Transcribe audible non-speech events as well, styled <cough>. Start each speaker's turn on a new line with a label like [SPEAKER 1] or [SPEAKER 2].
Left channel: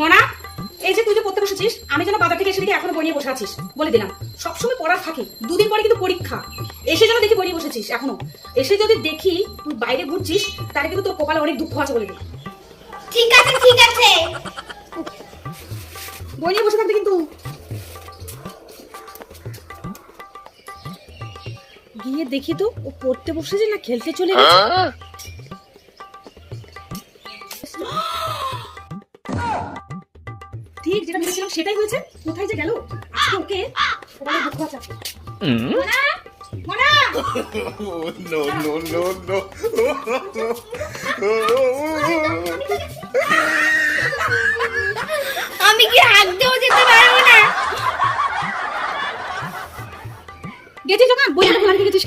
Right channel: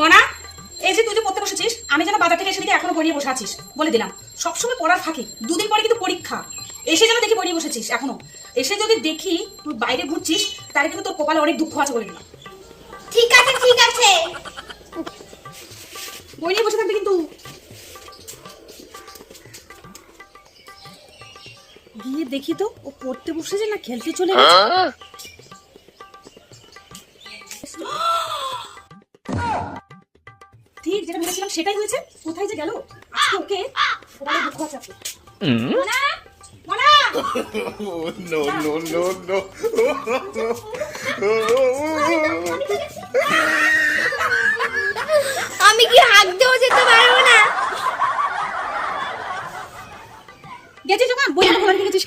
[SPEAKER 1] মনা, এই যে তুই যে পড়তে বসেছিস, আমি যেন বাজার থেকে এসে দেখি এখনও বই বসে আছিস। বলে দিলাম। সবসময় পড়ার থাকে দুদিন পরে কিন্তু পরীক্ষা। এসে যেন দেখি বই নিয়ে বসেছিস, এখনও। এসে যদি দেখি তুই বাইরে ঘুরছিস, তাহলে কিন্তু তোর কপালে অনেক দুঃখ আছে বলে দিলাম।
[SPEAKER 2] ঠিক আছে ঠিক আছে।
[SPEAKER 1] গিয়ে দেখি তো ও পড়তে বসেছে না খেলতে চলে গেছে <gasps> ঠিক যেটা ভেবেছিলাম সেটাই হয়েছে। কোথায় যে গেল? আজকে ওকে ওখানে দুঃখ আছে
[SPEAKER 3] no, no, no, no.
[SPEAKER 1] গেছিস যখন বই খোলা রেখে গেছিস।